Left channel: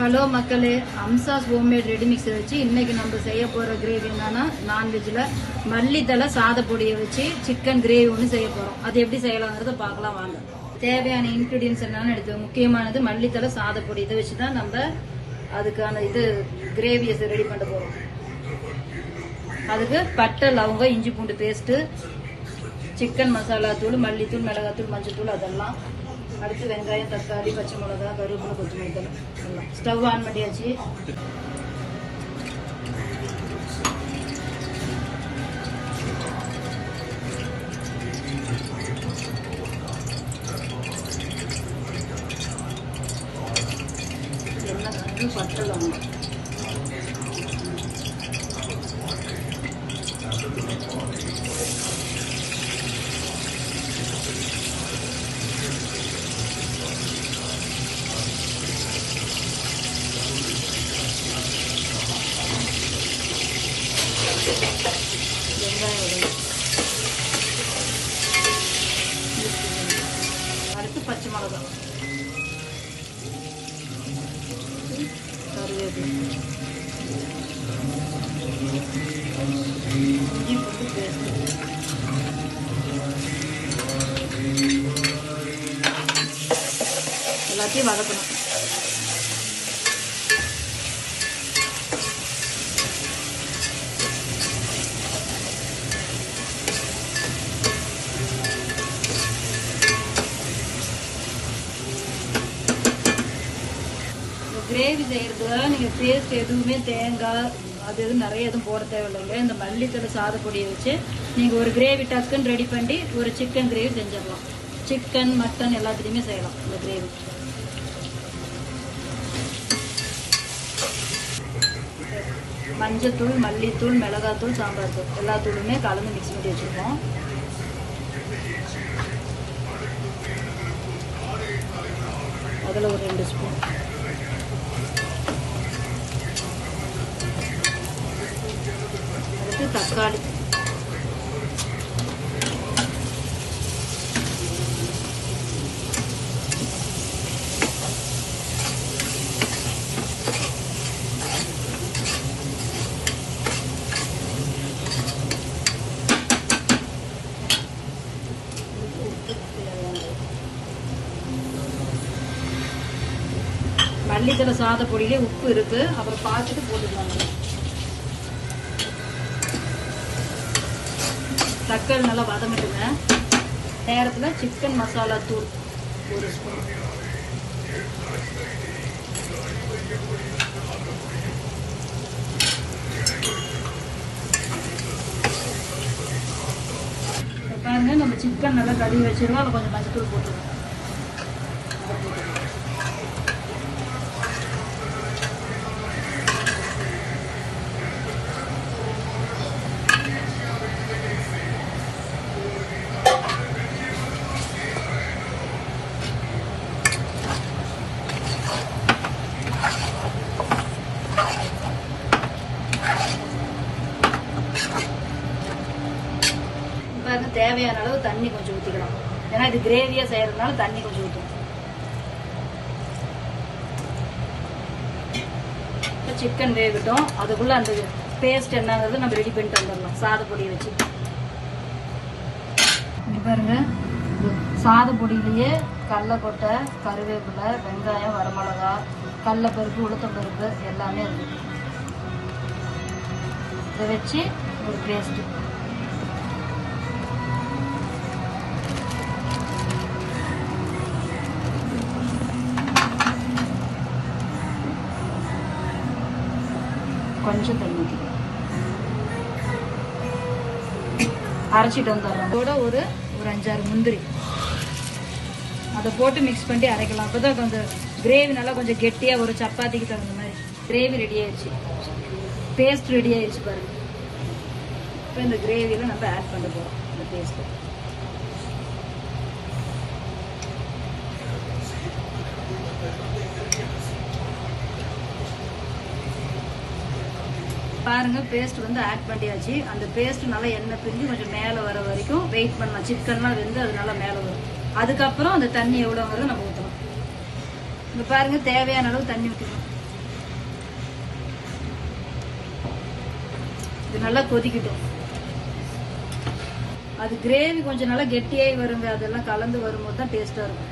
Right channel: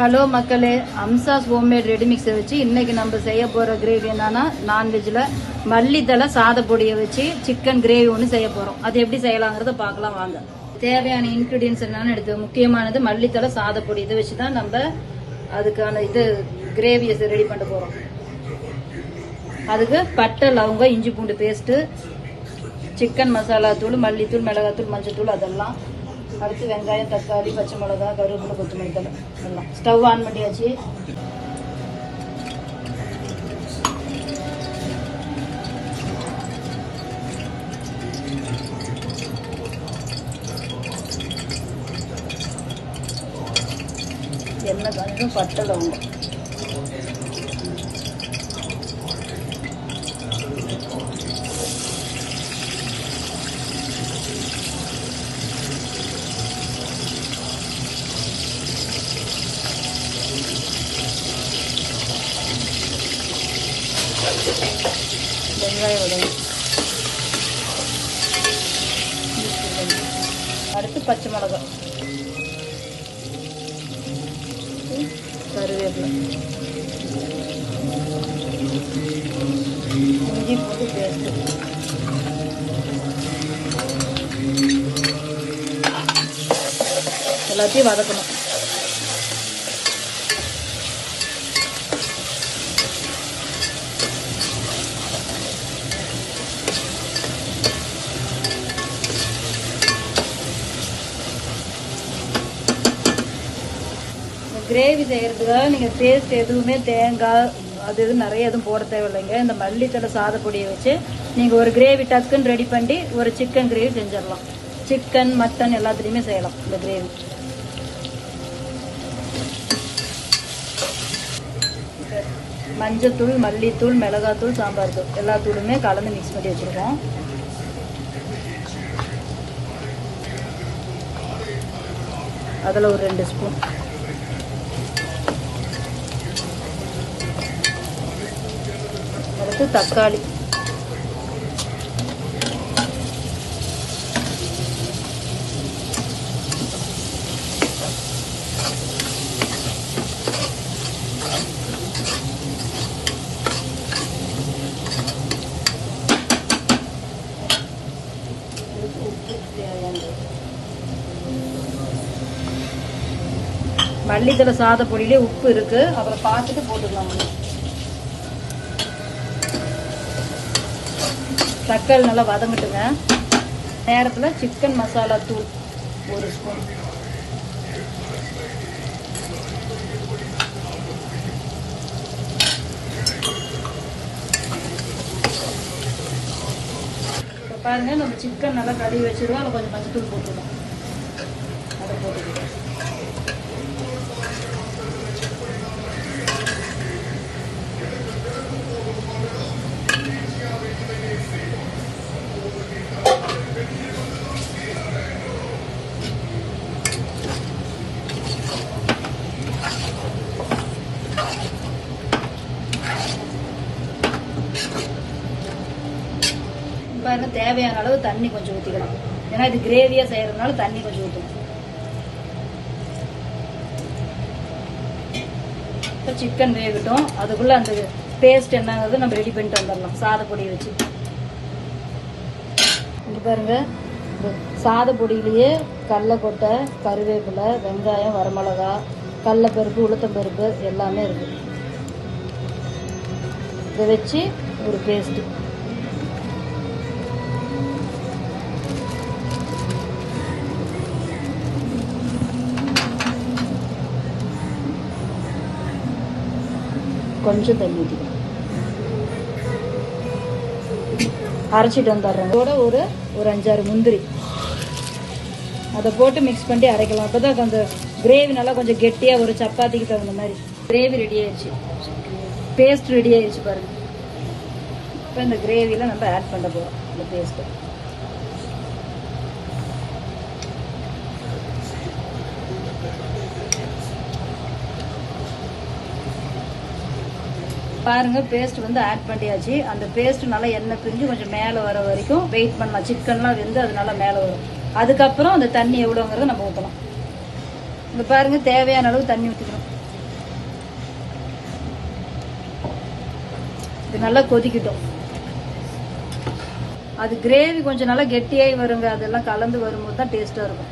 Hello மக்களே, அம்சாஸ் homemade ready மிக்ஸை வச்சு இன்னைக்கு நம்ம செய்ய போற கிரேவி என்னன்னா, நான்வெஜ்ல மல்லித்தலை சாதப்பொடியை வச்சு சிக்கன் கிரேவி ஒன்று செய்ய போறோம். அது எப்படி செய்யலாங்கிறத பார்க்கலாம் வாங்க. தேவையான இன்கிரீடியன்ஸ் என்னன்னு எடுத்து முக்கியமானது மல்லித்தலை சாதப்பொடி. இதை வச்சுதான் நம்ம அதுக்கான கிரேவியை ரெடி பண்ண போறோம். அதுக்கு பட்டை, லவங்கம், இஞ்சி பூண்டு பேஸ்ட், சிக்கன் மசாலா தூள், மல்லித்தூள், மிளகாத்தூள், மஞ்சள் தூள் அதெல்லாம். அடுத்து வெங்காயம், தக்காளி, பச்சை மிளகா, கருவேப்பிலை, கொத்தமல்லி தலை எல்லாம். ஸ்டவ் ஆன் பண்ணியாச்சு. எண்ணெய் காய்ச்சும், பட்டை, லவங்கம். வெங்காயம் உடனே. அடுத்து பச்சை மிளகாய், கருவேப்பிலை, எல்லாத்தையும் வதக்கணும். கிரேவி செய்யறதுக்காக நீங்க டேஸ்ட் எதுவுமே தேங்காய் அது எதுவும் நிறைய எதுவும் போட தேவையில்லைங்க. இந்த மல்லித்தலை சாதப்பொடியை வச்சு நீங்க ஒரு கிரேவி டக்குன்னு ரெடி பண்ணி ஒரு சிக்கன் கிரேவி செஞ்சிடலாம். சிக்கன், மட்டன் எல்லாத்துலயுமே செய்யலாம் இந்த கிரேவி. மஞ்சத்தூள், மல்லித்தூள், மிளகாத்தூள், சாம்பார் தூள் எல்லா தூளுமே கலந்து மிக்ஸ் பண்ணி வச்சிருக்கோம். அதில் ஒரு 2 ஸ்பூன். தக்காளி, மல்லித்தலை சாதப்பொடியிலே உப்பு இருக்கு, அப்புறம் பார்த்துட்டு போட்டுக்கலாம். தக்காளி நல்லா வதங்கட்டுங்க. நேரத்தில் சிக்கன் மசாலா தூள் 1 ஸ்பூன், பாருங்க. நம்ம சிக்கன் நல்லா கழுவி வச்சிருவோம். அதில் கொஞ்சம் மஞ்சத்தூள் போட்டுருவோம். அதை போட்டுக்கலாம். தேவையான அளவு தண்ணி கொஞ்சம் ஊற்றிக்கலாம். ஏன்னா இது கிரேவியா செய்யறதுனால தண்ணி கொஞ்சம் ஊற்றணும். இப்போ சிக்கன் வேகட்டும். அதுக்குள்ள அந்த பேஸ்ட் என்னங்கிறது நம்ம ரெடி பண்ணிட்டு வந்துடலாம். சாதப்பொடி வச்சு இங்க பாருங்க. சாதப்பொடியிலேயே கடலைக்கொட்டை, கருவேப்பிலை, வெங்காயம், வரமிளகா, கடலைப்பருப்பு, உளுத்தம்பருப்பு எல்லாமே இருக்கு. இதை வச்சு ஒரு பேஸ்ட். கொஞ்சம் தண்ணி அரைச்சிட்டு வந்துடுறோம். அதோட ஒரு 5-6 முந்திரி அதை போட்டு மிக்ஸ் பண்ணி அரைக்கலாம். அப்பதான் அந்த கிரேவி நல்லா கொஞ்சம் கெட்டியா ஒரு சப்பாத்திக்கு தகுந்த மாதிரி கிரேவி ரெடி ஆயிடுச்சு. பேஸ்ட் ரெடி ஆயிடுச்சு பாருங்க. இப்போ இந்த கிரேவியில நம்ம ஆட் பண்ண போறோம் இந்த பேஸ்ட். பாருங்க, பேஸ்ட் வந்து ஆட் பண்ணியாச்சு. அந்த பேஸ்ட் நல்லா எண்ணெய் பிரிஞ்சு கொஞ்சம் மேலே வர வரைக்கும் வெயிட் பண்ணலாம். சிக்கன்லாம் வெந்து அது நல்லா மேலே வரும். அதுக்கப்புறம் அந்த தண்ணி எவ்வளோங்கிறத நம்ம ஊற்றலாம். இங்க பாருங்க, தேவையான அளவு தண்ணி ஊற்றிக்கணும். இது நல்லா கொதிக்கட்டும். அது கிரேவி கொஞ்சம் நல்லா கெட்டியாகி வருங்க, அதெல்லாம் கலந்து வரும்போது தான் டேஸ்டா இருக்கும்.